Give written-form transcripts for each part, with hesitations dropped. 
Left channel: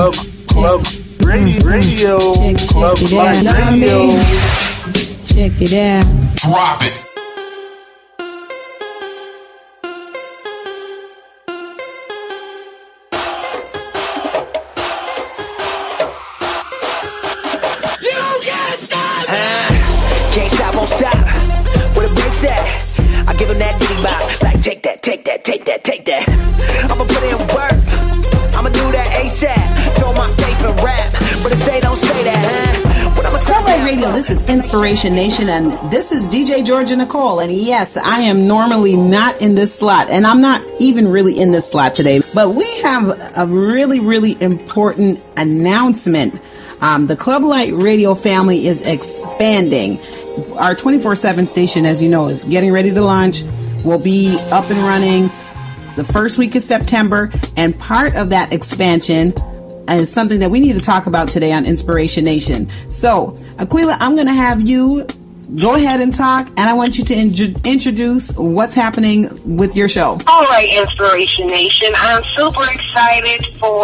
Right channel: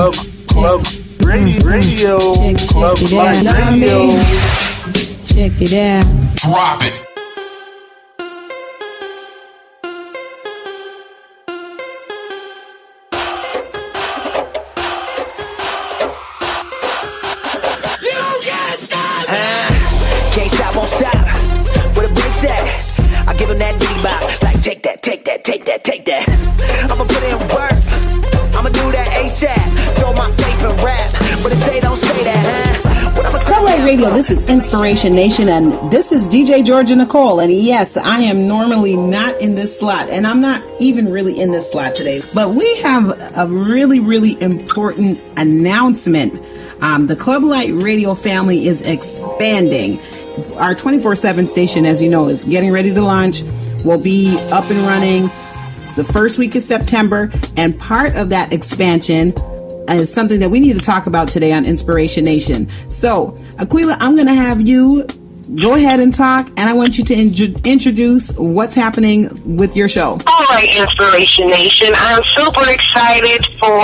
Club Radio. Club Light Radio. Check it out. Drop it. Can't stop, won't stop. Where the brakes at? I give him that diddy bop. Like take that, take that, take that, take that. I'ma put in work. I'ma do that ASAP. Throw my faith in rap. But if say don't say that, huh? What I'ma tell LA Radio, this is Inspiration Nation, and this is DJ Georgia Nicole. And yes, I am normally not in this slot, and I'm not even really in this slot today. But we have a really, really important announcement. The Club Light Radio family is expanding. Our 24/7 station, as you know, is getting ready to launch. We'll be up and running the first week of September. And part of that expansion is something that we need to talk about today on Inspiration Nation. So, Aqueela, I'm going to have you go ahead and talk, and I want you to introduce what's happening with your show. All right, Inspiration Nation. I'm super excited for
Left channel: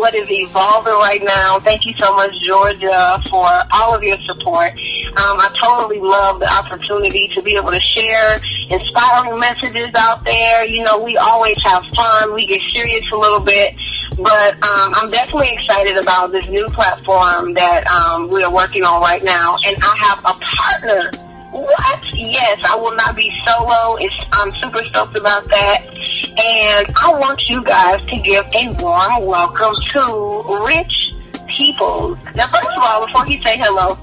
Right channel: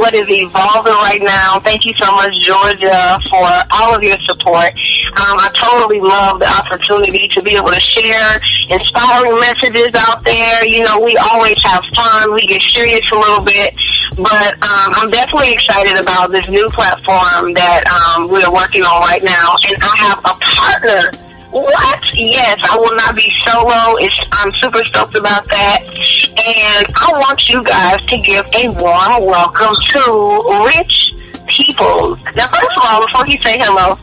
what is evolving right now. Thank you so much, Georgia, for all of your support. I totally love the opportunity to be able to share inspiring messages out there. You know, we always have fun. We get serious a little bit. But I'm definitely excited about this new platform that we're working on right now. And I have a partner. What? Yes, I will not be solo. I'm super stoked about that. And I want you guys to give a warm welcome to Rich Peoples. Now, first of all, before you say hello,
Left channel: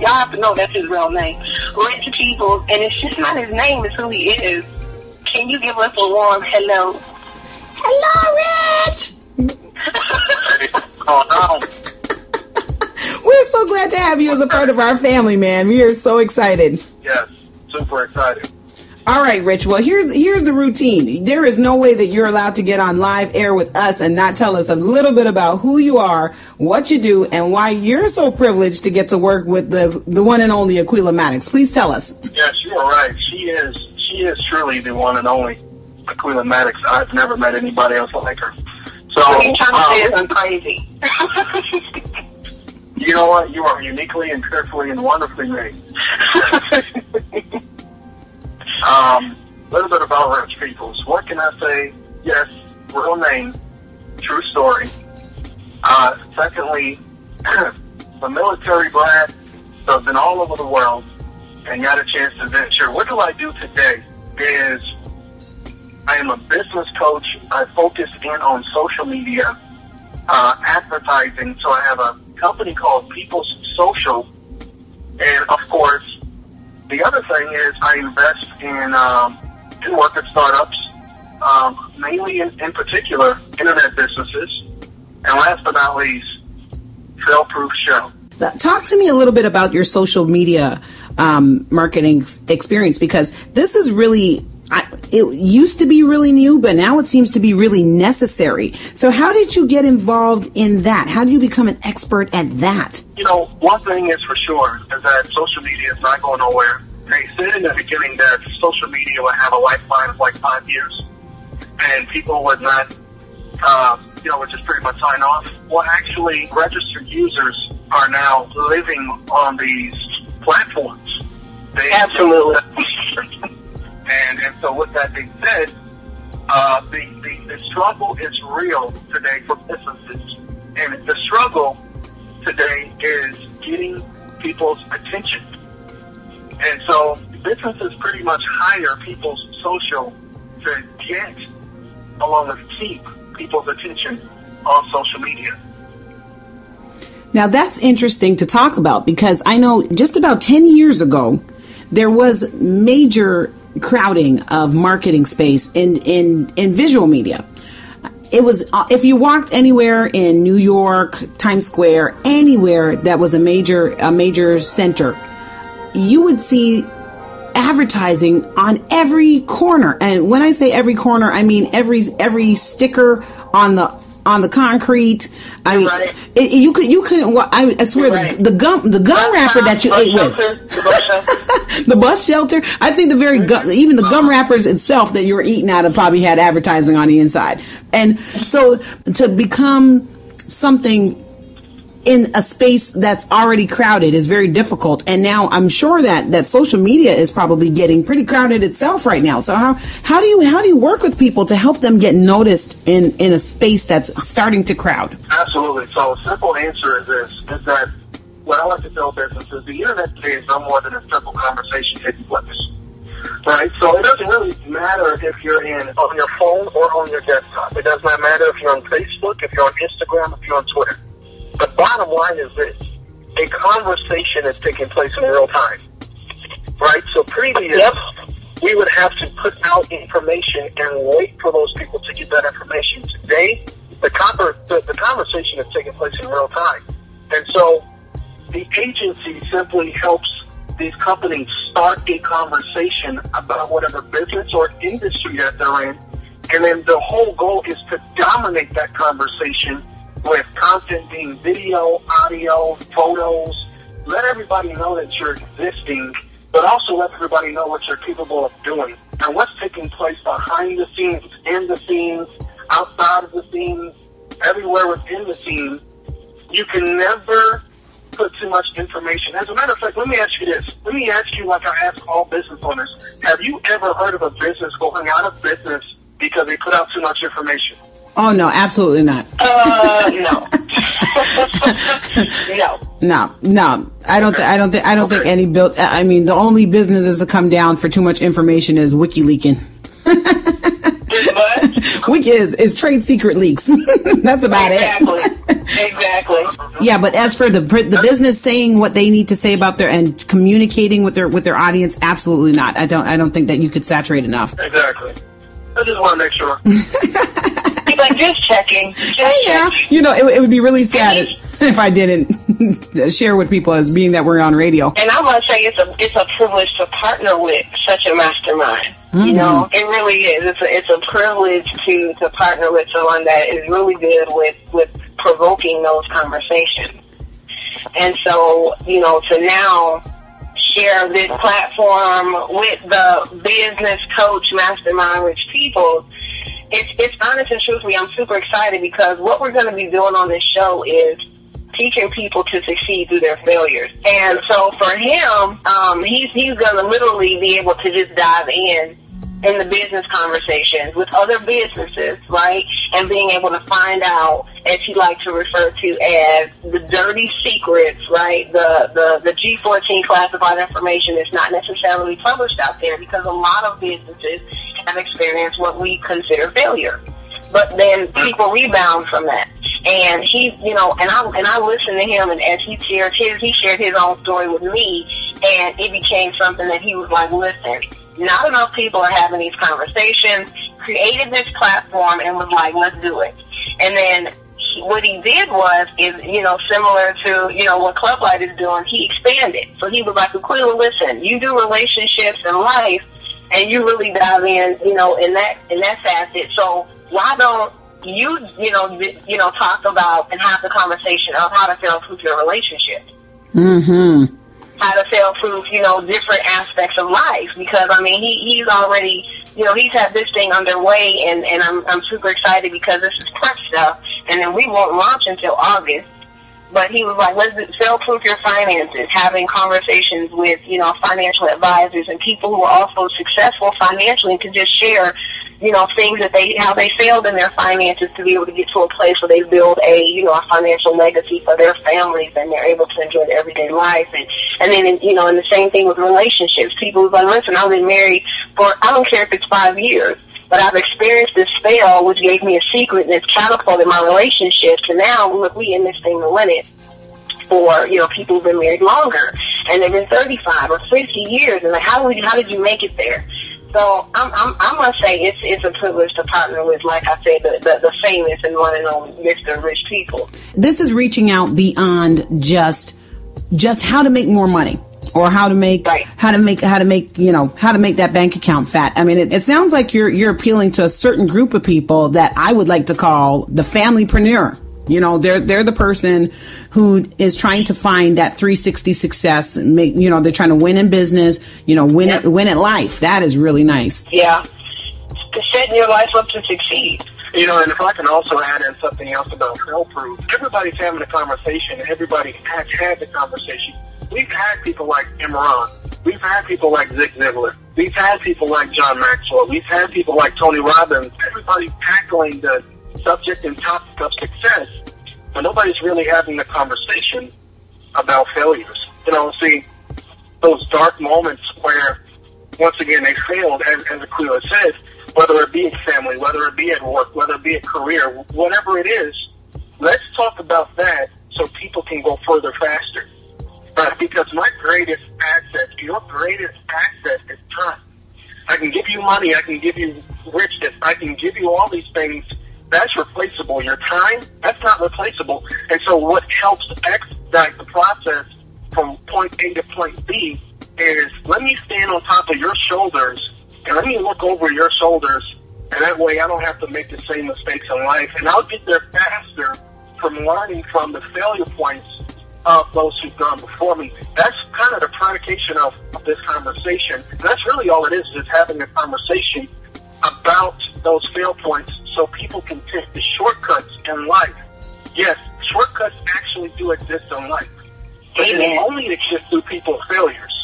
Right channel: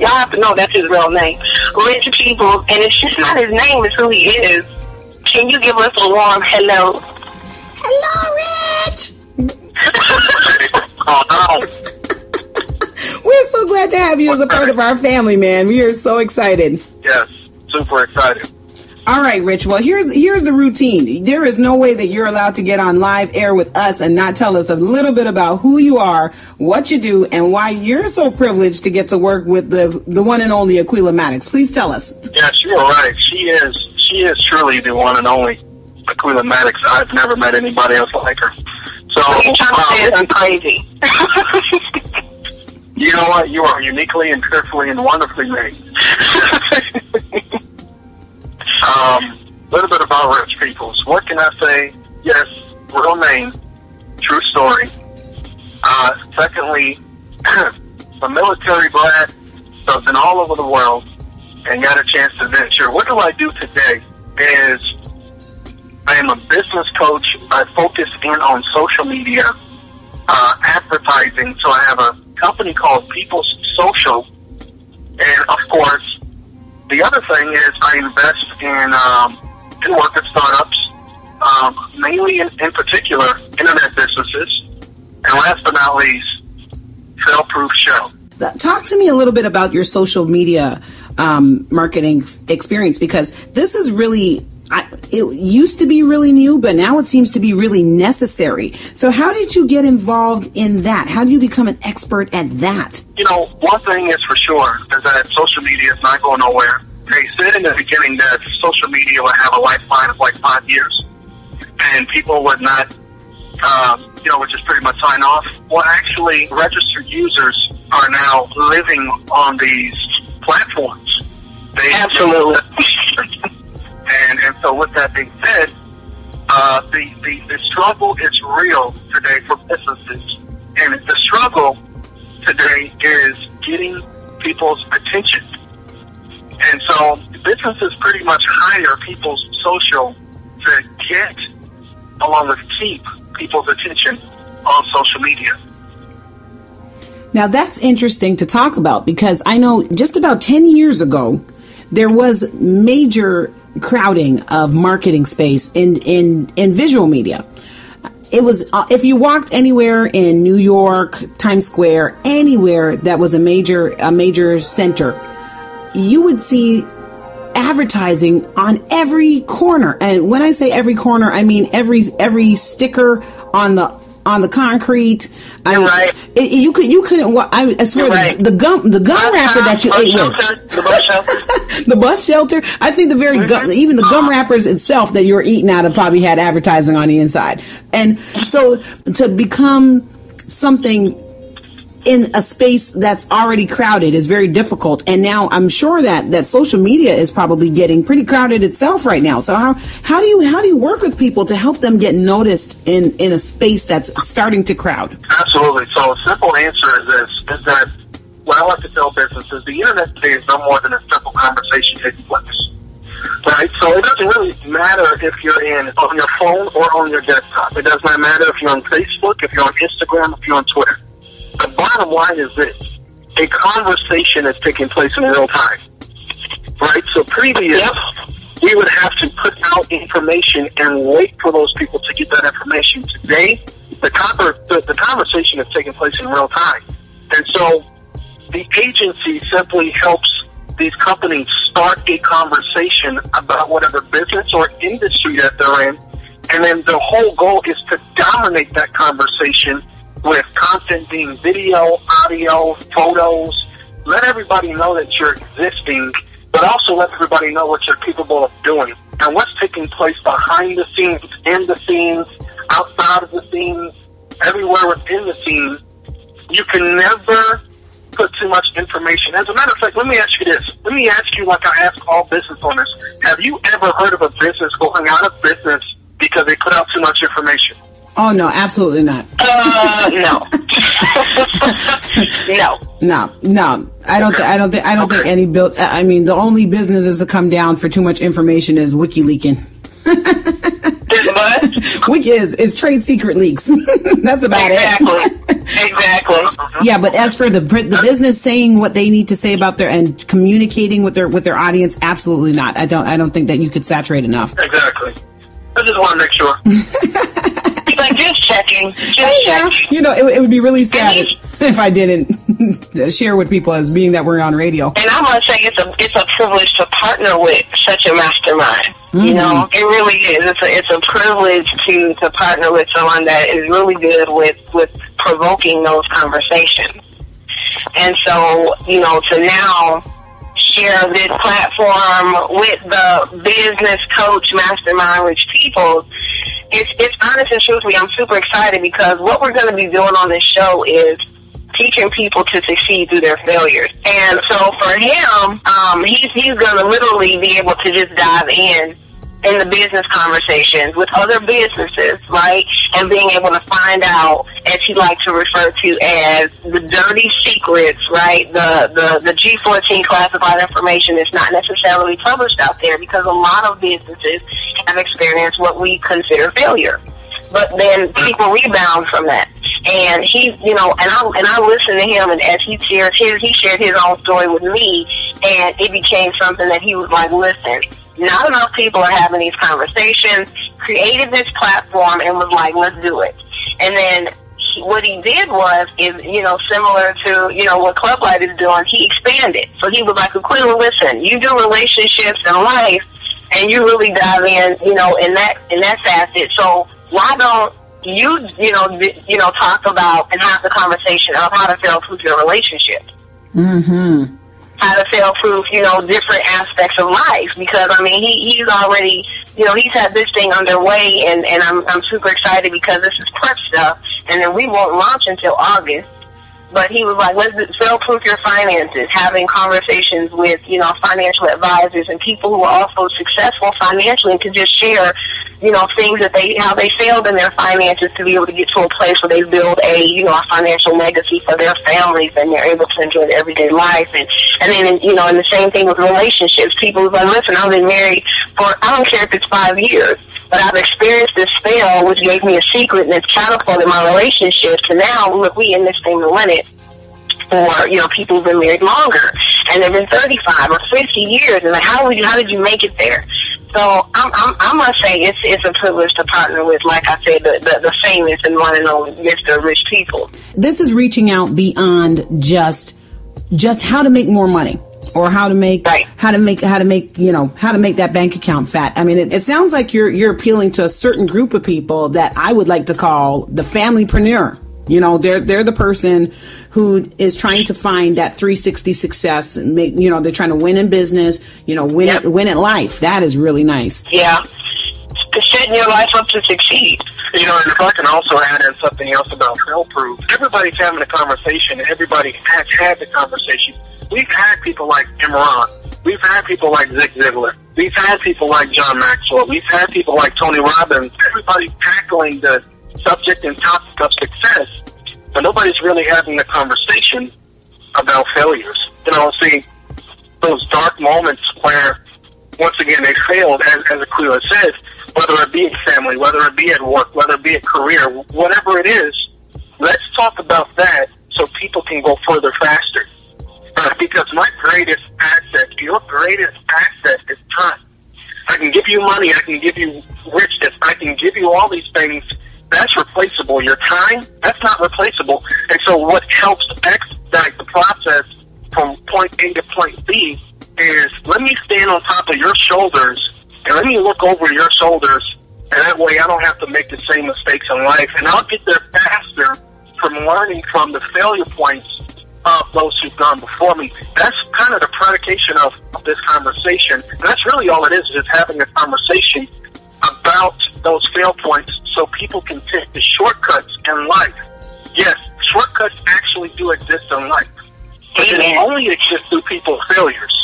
y'all have to know that's his real name. Rich Peoples. And it's just not his name, it's who he is. Can you give us a warm hello? Hello, Rich! We're so glad to have you as a part of our family, man. We are so excited. Yes, super excited. All right, Rich. Well, here's the routine. There is no way that you're allowed to get on live air with us and not tell us a little bit about who you are, what you do, and why you're so privileged to get to work with the one and only Aqueela Maddox. Please tell us. Yes, you're right. She is truly the one and only Aqueela Maddox. I've never met anybody else like her. So, I'm crazy. You know what? You are uniquely and carefully and wonderfully made. A little bit about Rich Peoples. What can I say? Yes, real name, true story. Secondly, a military brat, so been all over the world and got a chance to venture. What do I do today is I am a business coach. I focus in on social media, advertising. So I have a company called People's Social. And, of course, the other thing is I invest in work at startups, mainly in particular internet businesses. And last but not least, Foolproof Show. Talk to me a little bit about your social media marketing experience, because this is really... it used to be really new, but now it seems to be really necessary. So how did you get involved in that? How do you become an expert at that? You know, one thing is for sure is that social media is not going nowhere. They said in the beginning that social media would have a lifespan of like 5 years, and people would not, would just pretty much sign off. Well, actually, registered users are now living on these platforms. Absolutely. And so with that being said, the struggle is real today for businesses. And the struggle today is getting people's attention. And so businesses pretty much hire People's Social to get, along with keep, people's attention on social media. Now that's interesting to talk about, because I know just about 10 years ago, there was major crowding of marketing space in visual media. It was, if you walked anywhere in New York, Times Square, anywhere that was a major center, you would see advertising on every corner. And when I say every corner, I mean every sticker on the concrete. I mean, right. You couldn't. I swear, right. the gum wrapper that you ate with, the bus shelter. I think the very even the gum wrappers itself that you were eating out of probably had advertising on the inside. And so to become something in a space that's already crowded is very difficult. And now I'm sure that social media is probably getting pretty crowded itself right now. So how do you work with people to help them get noticed in a space that's starting to crowd? Absolutely. So a simple answer is this, is that what I like to tell businesses, the internet today is no more than a simple conversation taking place. Right? So it doesn't really matter if you're on your phone or on your desktop. It does not matter if you're on Facebook, if you're on Instagram, if you're on Twitter. The bottom line is this: a conversation is taking place in real time, right? So previous, we would have to put out information and wait for those people to get that information. Today, the conversation is taking place in real time. And so the agency simply helps these companies start a conversation about whatever business or industry that they're in. And then the whole goal is to dominate that conversation with content being video, audio, photos. Let everybody know that you're existing, but also let everybody know what you're capable of doing and what's taking place behind the scenes, in the scenes, outside of the scenes, everywhere within the scenes. You can never put too much information. As a matter of fact, let me ask you this. Let me ask you, like I ask all business owners, have you ever heard of a business going out of business because they put out too much information? Oh no, absolutely not. No. No. I don't think any I mean, the only businesses to come down for too much information is WikiLeaking. What? Wiki is trade secret leaks. That's about it. Exactly. Yeah, but as for the business saying what they need to say about and communicating with their audience, absolutely not. I don't think that you could saturate enough. Exactly. I just want to make sure. Like, just checking. Yeah. You know, it would be really sad if I didn't share with people as being that we're on radio. And I must say, it's a privilege to partner with such a mastermind. Mm-hmm. You know, it really is. It's a privilege to partner with someone that is really good with provoking those conversations. And so, you know, to now share this platform with the business coach mastermind rich people, it's honest and truthfully, I'm super excited because what we're going to be doing on this show is teaching people to succeed through their failures. And so for him, he's going to literally be able to just dive in the business conversations with other businesses, right? And being able to find out, as he likes to refer to as the dirty secrets, right? The G14 classified information is not necessarily published out there because a lot of businesses have experienced what we consider failure. But then people rebound from that. And he, you know, and I listened to him, and as he shared his own story with me, and it became something that he was like, listen, not enough people are having these conversations, created this platform, and was like, let's do it. And then what he did was, you know, similar to, you know, what Club Light is doing, he expanded. So he was like, Aqueela, listen, you do relationships and life, and you really dive in, you know, in that facet. So why don't you know, talk about and have the conversation of how to fail-proof your relationship? Mm-hmm. How to fail-proof, you know, different aspects of life. Because, I mean, he's already, you know, he's had this thing underway, and I'm super excited because this is prep stuff, and then we won't launch until August. But he was like, let's fail-proof your finances, having conversations with, you know, financial advisors and people who are also successful financially to just share, you know, things that how they failed in their finances to be able to get to a place where they build a financial legacy for their families and they're able to enjoy their everyday life. And then, you know, and the same thing with relationships. People was like, listen, I've been married for, I don't care if it's 5 years, but I've experienced this fail, which gave me a secret, and it's catapulted my relationships. And now, look, we in this thing to win it. Or, you know, people who've been married longer, and they've been 35 or 50 years, and like, how did you make it there? So I must say it's a privilege to partner with, like I said, the famous and one and only Mr. Rich People. This is reaching out beyond just how to make more money. Or how to make that bank account fat. I mean, it sounds like you're appealing to a certain group of people that I would like to call the familypreneur. You know, they're the person who is trying to find that 360 success. They're trying to win in business. You know, win at life. That is really nice. Yeah, setting your life up to succeed. You know, and if I can also add in something else about Foolproof, everybody's having a conversation, and everybody has had the conversation. We've had people like Imran. We've had people like Zig Ziglar. We've had people like John Maxwell. We've had people like Tony Robbins. Everybody's tackling the subject and topic of success, but nobody's really having a conversation about failures. You know, see, those dark moments where, once again, they failed, as Aqueela said, whether it be in family, whether it be at work, whether it be a career, whatever it is, let's talk about that so people can go further faster. Because my greatest asset, your greatest asset is time. I can give you money, I can give you richness, I can give you all these things. That's replaceable. Your time, that's not replaceable. And so what helps expedite the process from point A to point B is, let me stand on top of your shoulders and let me look over your shoulders, and that way I don't have to make the same mistakes in life, and I'll get there faster from learning from the failure points of those who've gone before me. That's kind of the predication of this conversation. And that's really all it is having a conversation about those fail points so people can take the shortcuts in life. Yes, shortcuts actually do exist in life, but they only exist through people's failures.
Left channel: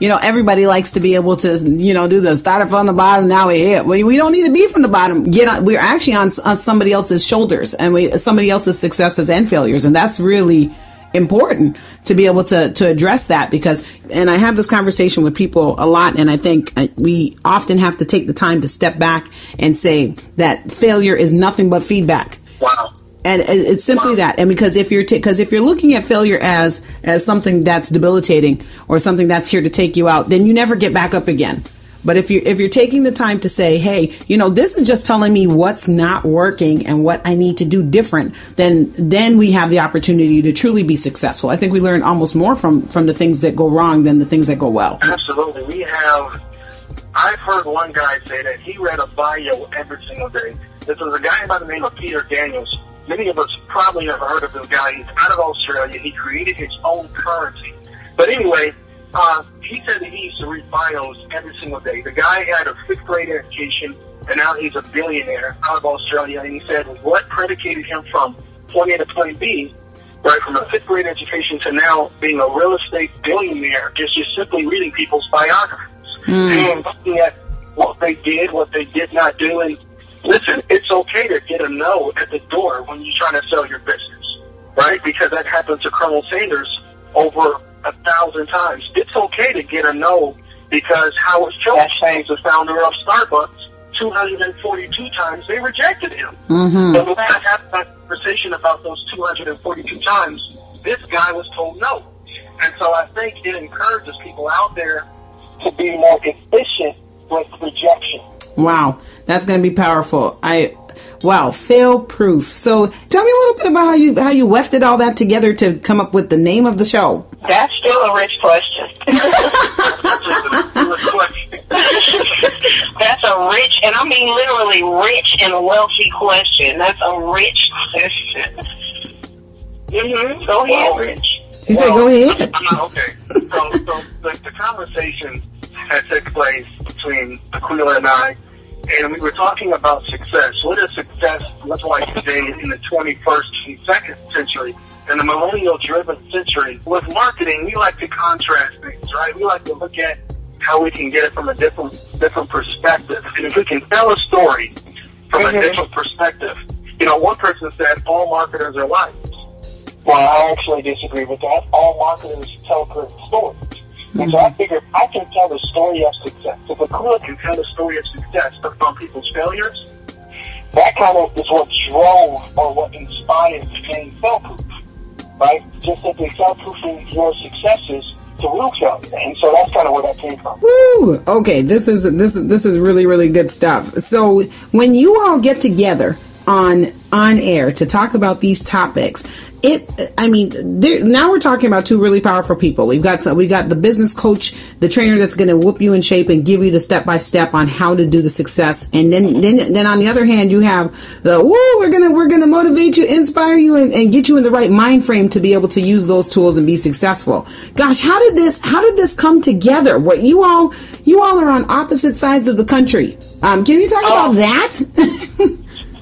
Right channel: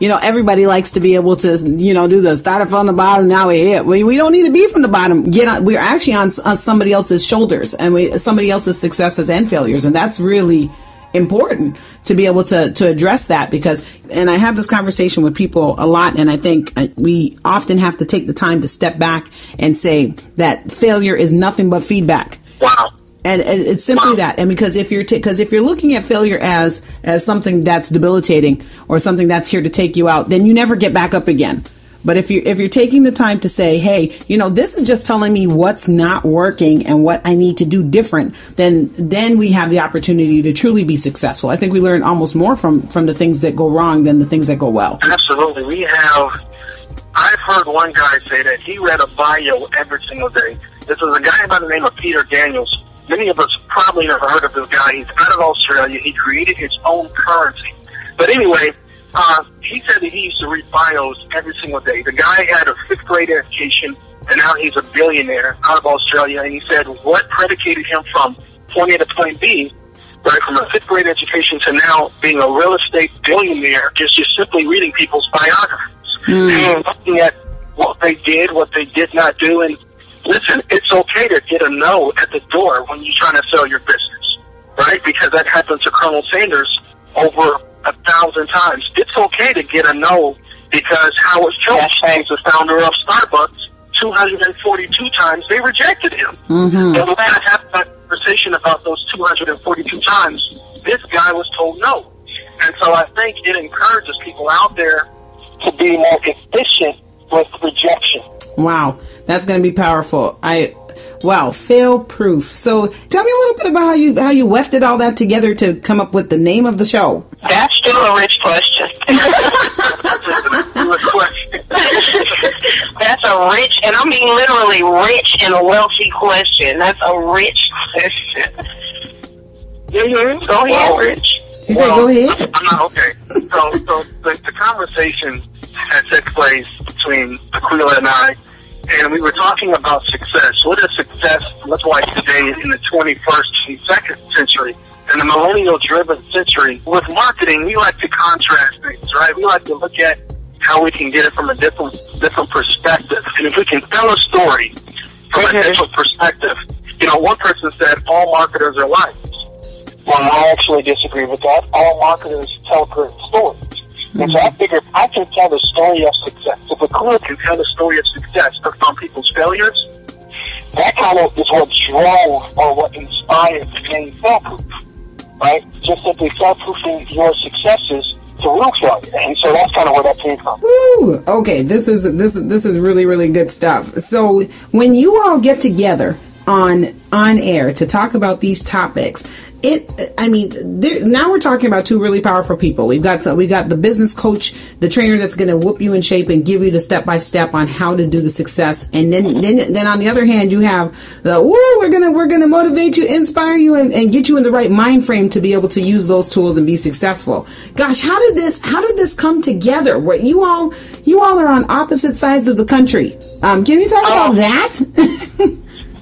You know, everybody likes to be able to, you know, do the started from the bottom, now we're here. We don't need to be from the bottom. We're actually on somebody else's shoulders, and somebody else's successes and failures. And that's really important to be able to address that, because, and I have this conversation with people a lot, and I think we often have to take the time to step back and say that failure is nothing but feedback. Wow. And it's simply that. And because if you're looking at failure as something that's debilitating or something that's here to take you out, then you never get back up again. But if you're taking the time to say, hey, you know, this is just telling me what's not working and what I need to do different, then we have the opportunity to truly be successful. I think we learn almost more from the things that go wrong than the things that go well. Absolutely. I've heard one guy say that he read a bio every single day. This is a guy by the name of Peter Daniels. Many of us probably never heard of this guy. He's out of Australia. He created his own currency. But anyway, he said that he used to read bios every single day. The guy had a 5th grade education, and now he's a billionaire out of Australia. And he said what predicated him from point A to point B, right, from a 5th grade education to now being a real estate billionaire, is just simply reading people's biographies and looking at what they did, what they did not do. And listen, it's okay to get a no at the door when you're trying to sell your business, right? Because that happened to Colonel Sanders over 1,000 times. It's okay to get a no, because Howard Schultz, the founder of Starbucks, 242 times they rejected him. And we had to have that conversation about those 242 times. This guy was told no. And so I think it encourages people out there to be more efficient with rejection. Wow, that's going to be powerful. Wow, fail proof. So tell me a little bit about how you wefted all that together to come up with the name of the show. That's still a rich question. That's a rich, and I mean literally rich and wealthy question. That's a rich question. Go ahead, Rich. She said, go ahead. Okay. So the conversation that took place between Aqueela and I, and we were talking about success. What is success looks like today in the 21st, 22nd century, in the millennial-driven century? With marketing, we like to contrast things, right? We like to look at how we can get it from a different perspective. And if we can tell a story from a different perspective, you know, one person said all marketers are liars. Well, I actually disagree with that. All marketers tell great stories. And so I figured I can tell the story of success. If Aqueela can tell the story of success from people's failures, that kind of is what drove or what inspired being Foolproof, right? Just simply foolproofing your successes to real failure. And so that's kind of where that came from. Woo! Okay, this is really, really good stuff. So when you all get together on air to talk about these topics, now we're talking about two really powerful people. We got the business coach, the trainer that's going to whoop you in shape and give you the step-by-step on how to do the success. And then on the other hand, you have we're going to motivate you, inspire you, and get you in the right mind frame to be able to use those tools and be successful. Gosh, how did this come together? What you all are on opposite sides of the country. Can you talk about that?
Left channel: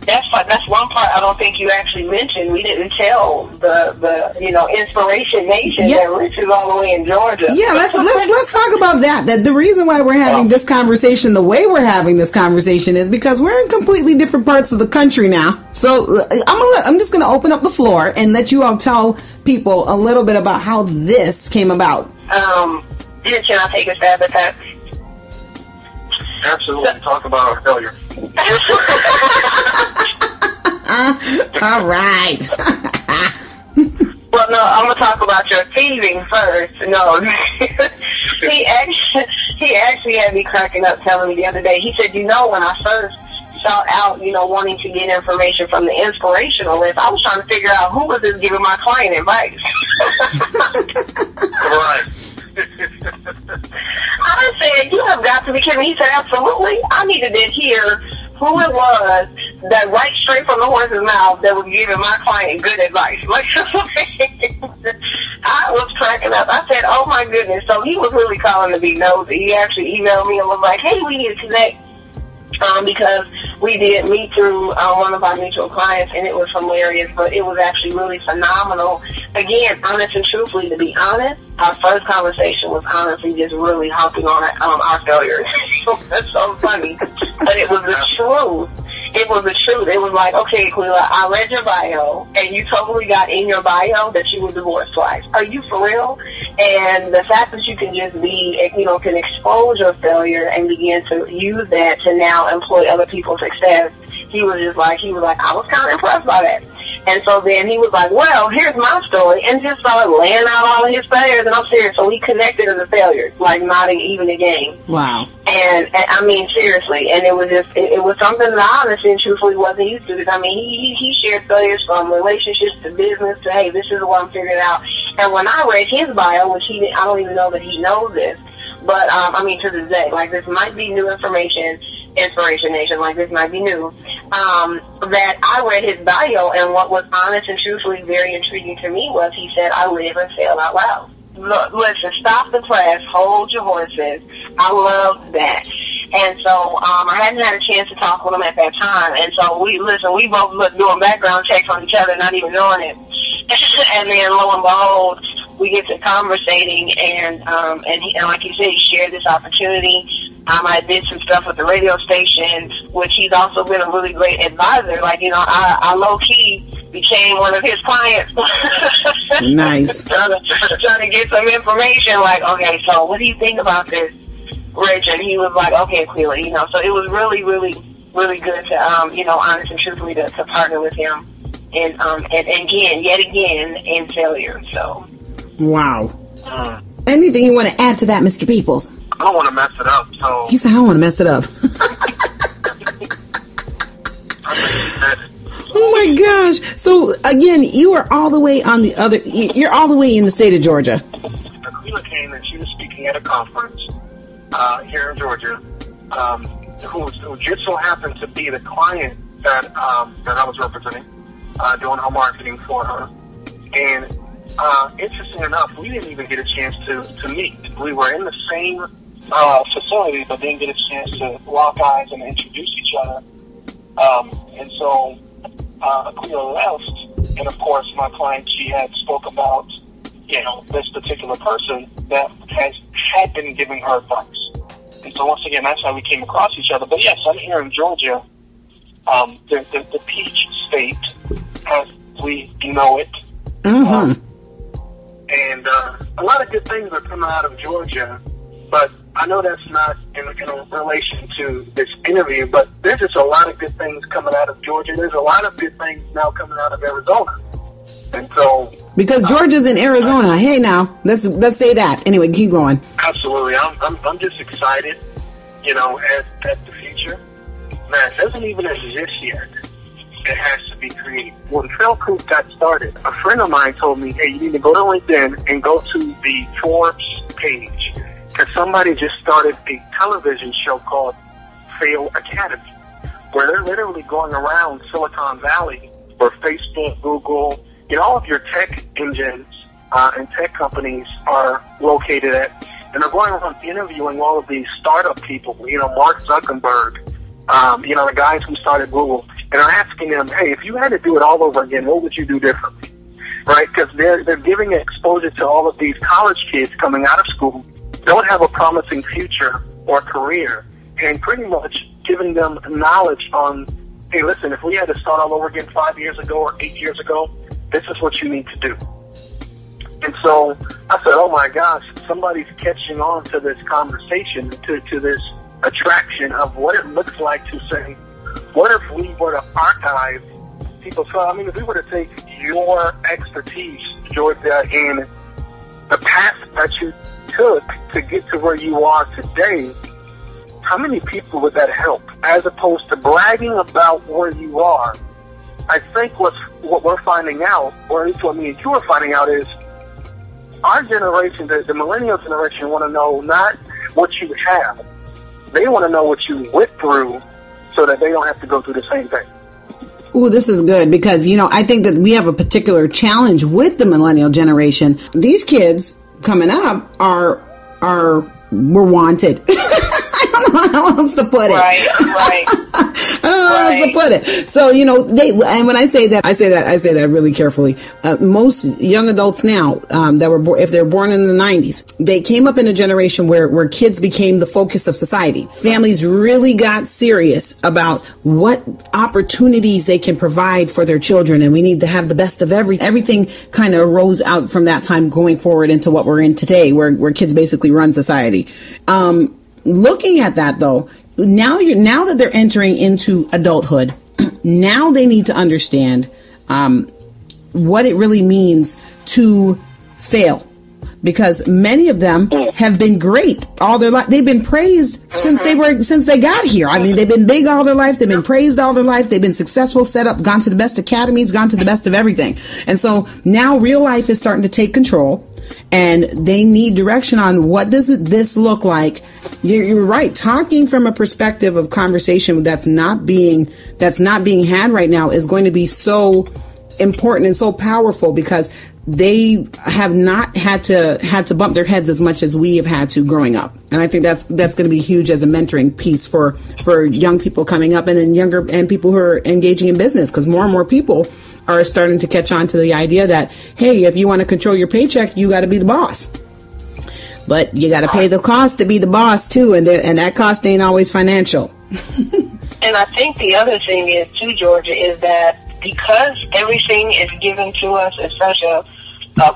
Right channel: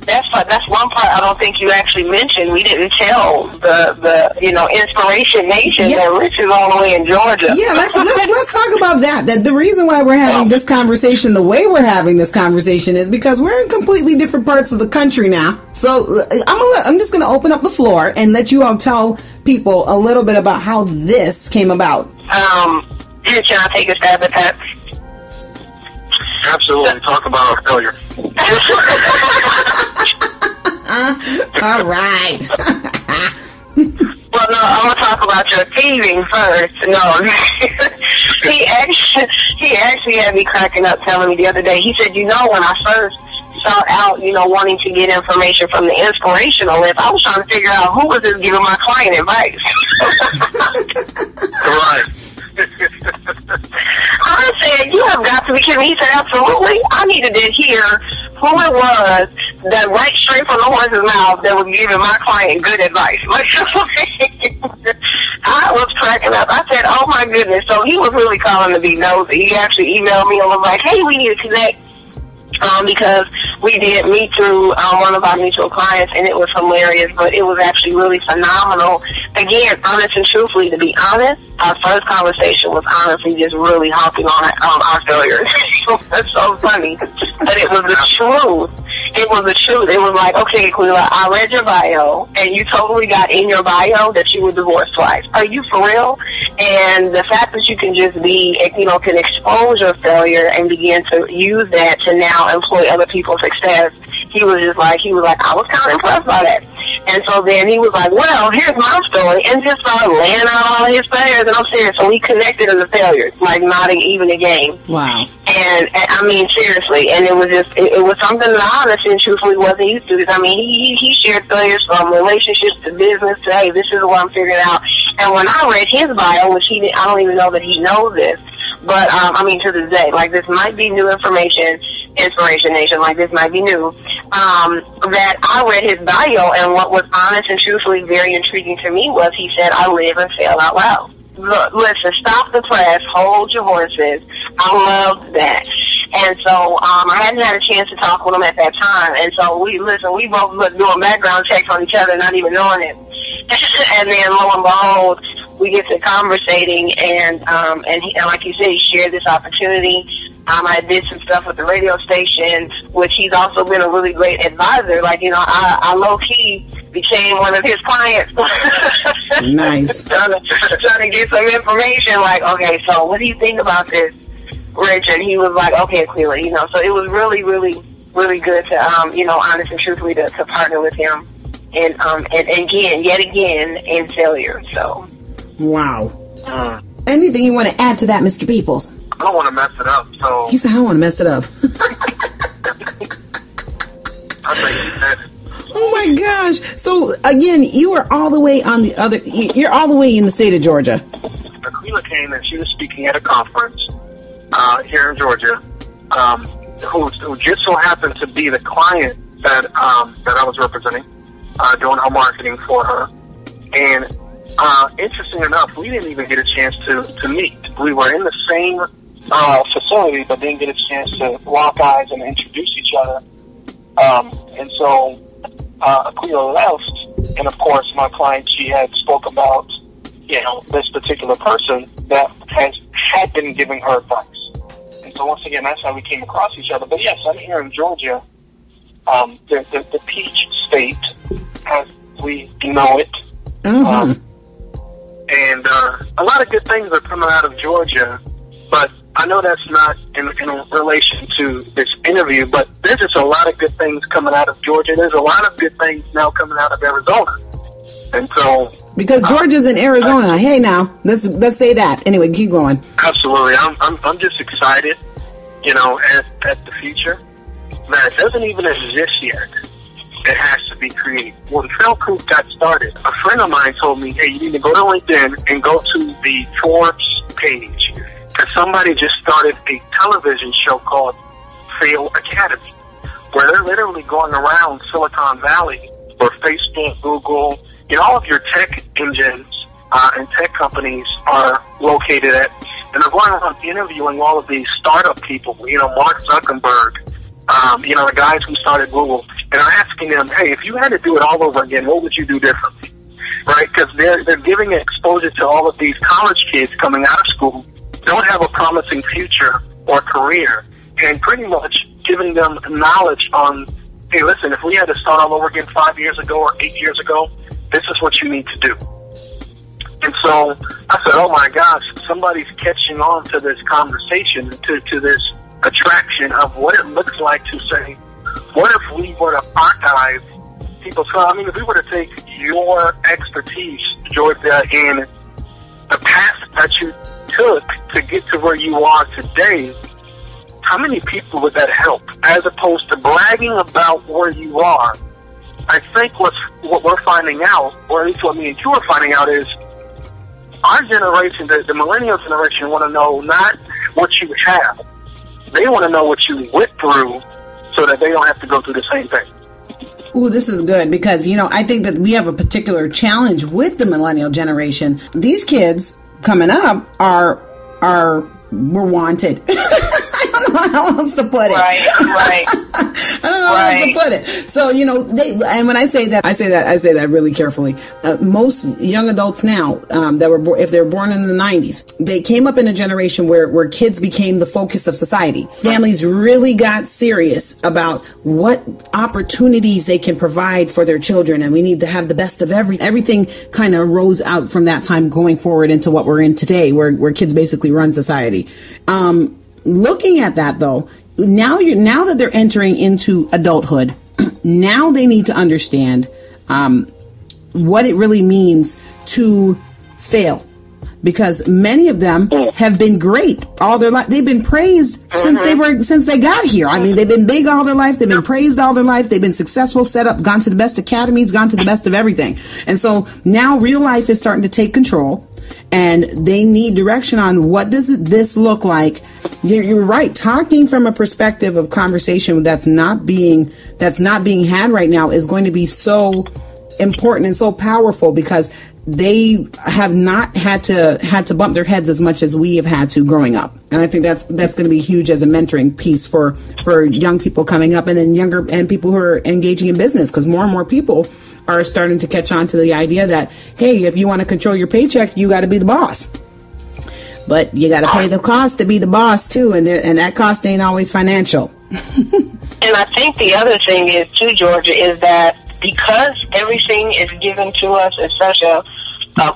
That's one part I don't think you actually mentioned. We didn't tell the Inspiration Nation that Rich is all the way in Georgia. Yeah, let's talk about that. That the reason why we're having this conversation the way we're having this conversation is because we're in completely different parts of the country now. So I'm just gonna open up the floor and let you all tell people a little bit about how this came about. Can I take a stab at that? Absolutely. Talk about our failure. All right. Well, no, I'm gonna talk about your thieving first. No, he actually had me cracking up, telling me the other day. He said, when I first sought out, wanting to get information from the inspirational list, I was trying to figure out who was just giving my client advice. Right. I said, you have got to be kidding me. He said, absolutely. I needed to hear who it was that right straight from the horse's mouth that was giving my client good advice. I was cracking up. I said, oh my goodness. So he was really calling to be nosy. He actually emailed me and was like, hey, we need to connect. Because we did meet through one of our mutual clients, and it was hilarious, but it was actually really phenomenal. Again, honest and truthfully, to be honest, our first conversation was honestly just really hopping on our failures. That's so funny. But it was the truth. It was the truth. It was like, okay, Aqueela, I read your bio, and you totally got in your bio that you were divorced twice. Are you for real? And the fact that you can just be, can expose your failure and begin to use that to now employ other people's success, he was like, I was kind of impressed by that. And so then he was like, well, here's my story, and just started laying out all of his failures, and I'm serious. So we connected as a failure, like not even a game. Wow. And I mean, seriously, and it was just, it was something that I honestly and truthfully wasn't used to. I mean, he shared failures from relationships to business to, hey, this is what I'm figuring out. And when I read his bio, which I don't even know that he knows this, but to this day, like this might be new information, Inspiration Nation, like this might be new, that I read his bio, and what was honest and truthfully very intriguing to me was he said, I live and fail out loud. Look, listen, stop the press, hold your horses. I love that. And so I hadn't had a chance to talk with him at that time, and so we both doing background checks on each other, not even knowing it. And then lo and behold, we get to conversating, and like you said, he shared this opportunity. I did some stuff with the radio station, which he's also been a really great advisor. Like, I low-key became one of his clients. Nice. trying to get some information, like, okay, so what do you think about this, Rich? And he was like, okay, Aqueela, so it was really, really, really good to, honest and truthfully to partner with him. And yet again, in failure, so. Wow. Anything you want to add to that, Mr. Peoples? I don't want to mess it up, so... He said, I don't want to mess it up. I think he said it. Oh my gosh. So, again, you are all the way you're all the way in the state of Georgia. Aqueela came and she was speaking at a conference here in Georgia, who just so happened to be the client that I was representing, doing her marketing for her. And interesting enough, we didn't even get a chance to meet. We were in the same facility, but didn't get a chance to lock eyes and introduce each other. And so Aqueela left, and of course, my client, she had spoke about, this particular person that had been giving her advice. And so once again, that's how we came across each other. But yes, I'm here in Georgia, the Peach State, as we know it. Mm-hmm. And a lot of good things are coming out of Georgia, but I know that's not in relation to this interview, but there's just a lot of good things coming out of Georgia. There's a lot of good things now coming out of Arizona. And so... Because Georgia's in Arizona. Hey, now, let's say that. Anyway, keep going. Absolutely. I'm just excited, at the future that doesn't even exist yet. It has to be created. When Foolproof got started, a friend of mine told me, hey, you need to go to LinkedIn and go to the Forbes page, because somebody just started a television show called Fail Academy, where they're literally going around Silicon Valley, where Facebook, Google, all of your tech engines and tech companies are located at, and they're going around interviewing all of these startup people, Mark Zuckerberg, the guys who started Google, and are asking them, hey, if you had to do it all over again, what would you do differently? Right? Because they're giving exposure to all of these college kids coming out of school, don't have a promising future or career, and pretty much giving them knowledge on, hey, listen, if we had to start all over again 5 years ago or 8 years ago, this is what you need to do. And so I said, oh my gosh, somebody's catching on to this conversation, to this attraction of what it looks like to say, what if we were to archive people's, I mean, if we were to take your expertise, Georgia, in the path that you took to get to where you are today, how many people would that help? As opposed to bragging about where you are, I think what we're finding out, or at least what me and you are finding out, is our generation, the millennial generation, want to know not what you have. They want to know what you went through so that they don't have to go through the same thing. Ooh, this is good because, you know, I think that we have a particular challenge with the millennial generation. These kids coming up were wanted. I don't know how else to put it. Right. I don't know how else to put it. So, you know, and when I say that really carefully. Most young adults now, that were if they're born in the 90s, they came up in a generation where kids became the focus of society. Families really got serious about what opportunities they can provide for their children, and we need to have the best of everything. Kind of rose out from that time going forward into what we're in today, where kids basically run society. Looking at that, though, now that they're entering into adulthood, now they need to understand what it really means to fail, because many of them have been great all their life. They've been praised since they got here. I mean, they've been big all their life. They've been praised all their life. They've been successful, set up, gone to the best academies, gone to the best of everything. And so now real life is starting to take control. And they need direction on what does this look like. You're right. Talking from a perspective of conversation that's not being had right now is going to be so important and so powerful, because they have not had to bump their heads as much as we have had to growing up. And I think that's going to be huge as a mentoring piece for young people coming up, and then younger and people who are engaging in business, because more and more people are starting to catch on to the idea that, hey, if you want to control your paycheck, you got to be the boss. But you got to pay the cost to be the boss too, and that cost ain't always financial. And I think the other thing is too, Georgia, is that because everything is given to us at such a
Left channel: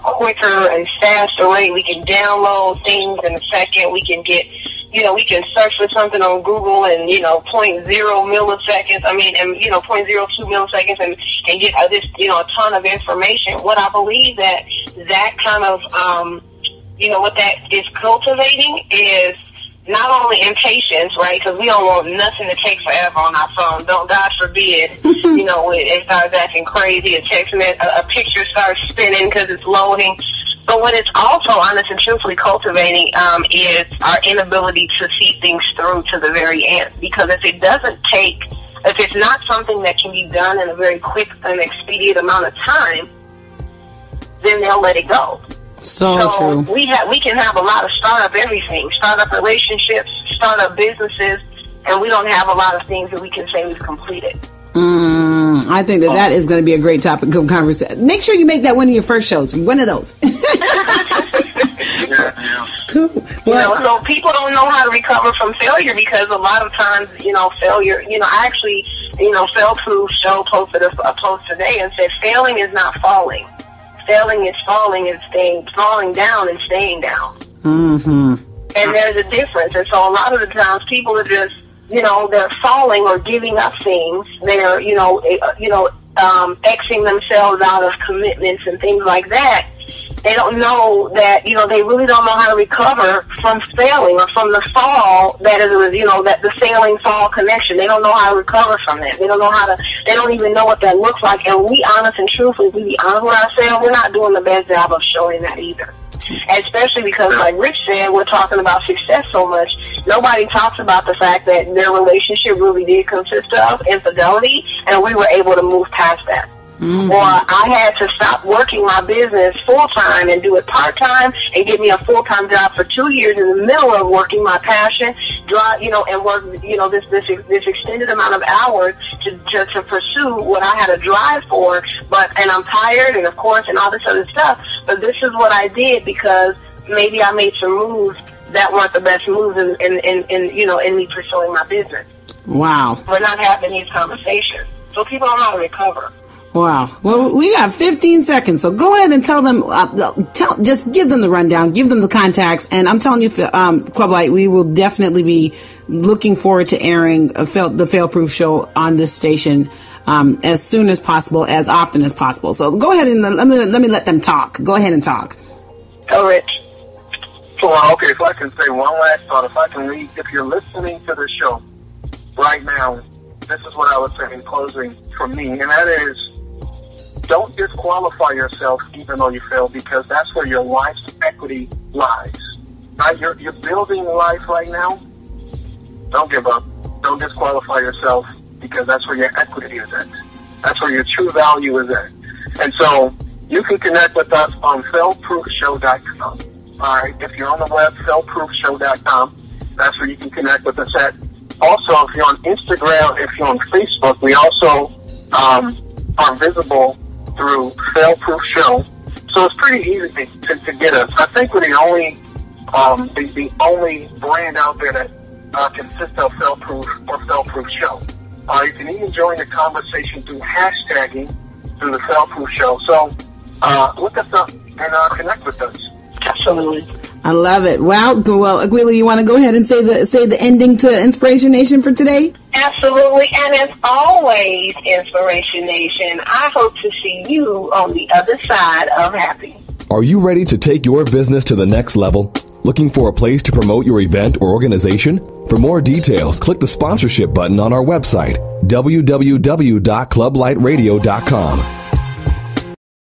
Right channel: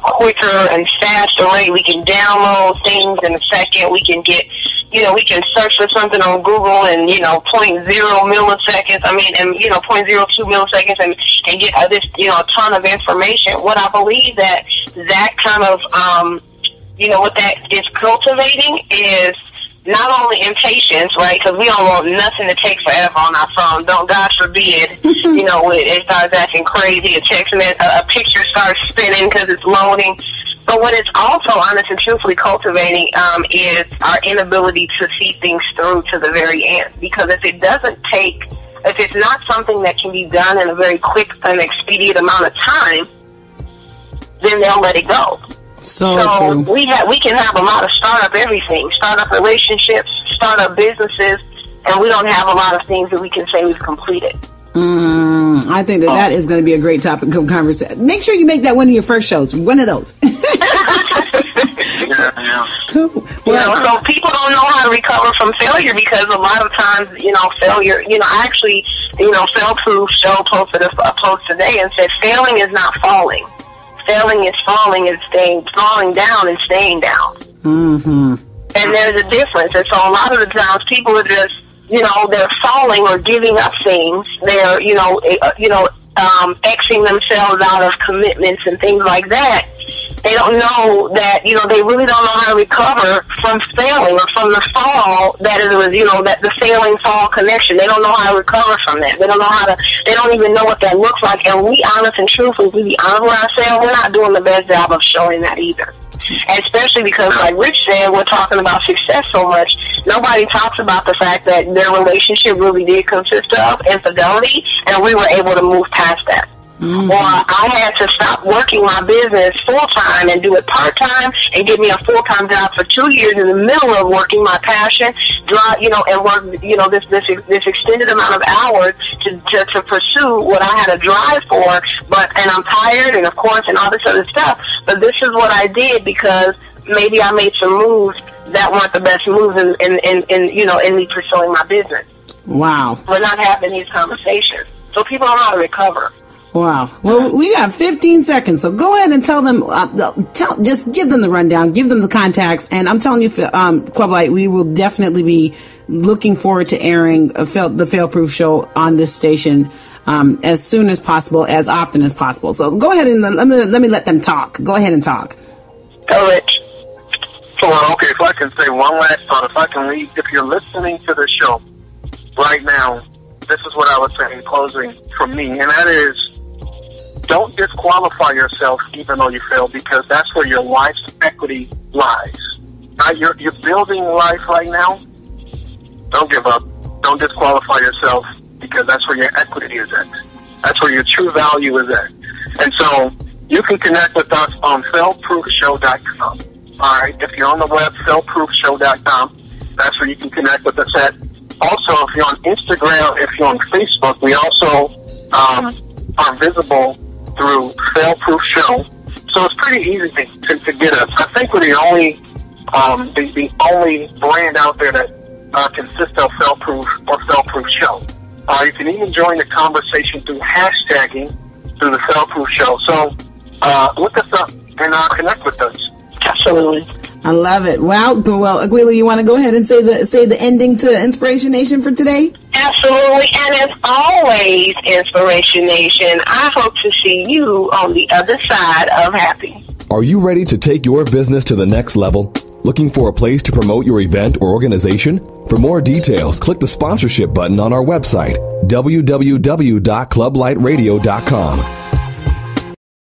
quicker and faster rate, we can download things in a second. We can get, we can search for something on Google in, 0.0 milliseconds. I mean, and 0.02 milliseconds, and get this, a ton of information. What I believe that kind of, what that is cultivating is not only impatience, right? Because we don't want nothing to take forever on our phone. Don't, God forbid, it starts acting crazy. A picture starts spinning because it's loading. But what it's also honest and truthfully cultivating is our inability to see things through to the very end. Because if it's not something that can be done in a very quick and expedient amount of time, then they'll let it go. So true. We can have a lot of startup relationships, startup businesses, and we don't have a lot of things that we can say we've completed. I think that is going to be a great topic of conversation. Make sure you make that one of your first shows. One of those. Cool. Well, so people don't know how to recover from failure, because a lot of times, failure. I actually, Foolproof Show posted a post today and said, failing is not falling. Failing is falling down and staying down. Mm-hmm. And there's a difference. And so a lot of the times people are just, they're falling or giving up things. They're, Xing themselves out of commitments and things like that. They don't know that, they really don't know how to recover from failing or from the fall that is, that the failing fall connection. They don't know how to recover from that. They don't even know what that looks like. And we, honest and truthfully, we be honest with ourselves, we're not doing the best job of showing that either. And especially because, like Rich said, we're talking about success so much. Nobody talks about the fact that their relationship really did consist of infidelity, and we were able to move past that. Mm-hmm. Or I had to stop working my business full-time and do it part-time and get me a full-time job for 2 years in the middle of working my passion, and work, this extended amount of hours to pursue what I had a drive for, and I'm tired, and of course, and all this other stuff. But this is what I did because maybe I made some moves that weren't the best moves in me pursuing my business. Wow. We're not having these conversations, so people don't know how to recover. Wow. Well, we got 15 seconds, so go ahead and tell them, just give them the rundown, give them the contacts, and I'm telling you, Club Light, we will definitely be looking forward to airing the Foolproof Show on this station as soon as possible, as often as possible. So go ahead and let me let them talk. Go ahead and talk. Go, Rich. Well, okay, if I can say one last thought, if I can leave, if you're listening to the show right now, this is what I would say in closing from me, and that is, don't disqualify yourself even though you fail, because that's where your life's equity lies. You're building life right now. Don't give up. Don't disqualify yourself, because that's where your equity is at. That's where your true value is at. And so you can connect with us on foolproofshow.com. All right, if you're on the web, foolproofshow.com, that's where you can connect with us at. Also, if you're on Instagram, if you're on Facebook, we also are visible through Foolproof Show. So it's pretty easy to get us. I think we're the only brand out there that consists of Foolproof or Foolproof Show. You can even join the conversation through hashtagging through the Foolproof Show. So look us up and connect with us. Absolutely. I love it. Well, Aqueela, you want to go ahead and say the ending to Inspiration Nation for today? Absolutely. And as always, Inspiration Nation, I hope to see you on the other side of happy. Are you ready to take your business to the next level? Looking for a place to promote your event or organization? For more details, click the sponsorship button on our website, www.clublightradio.com.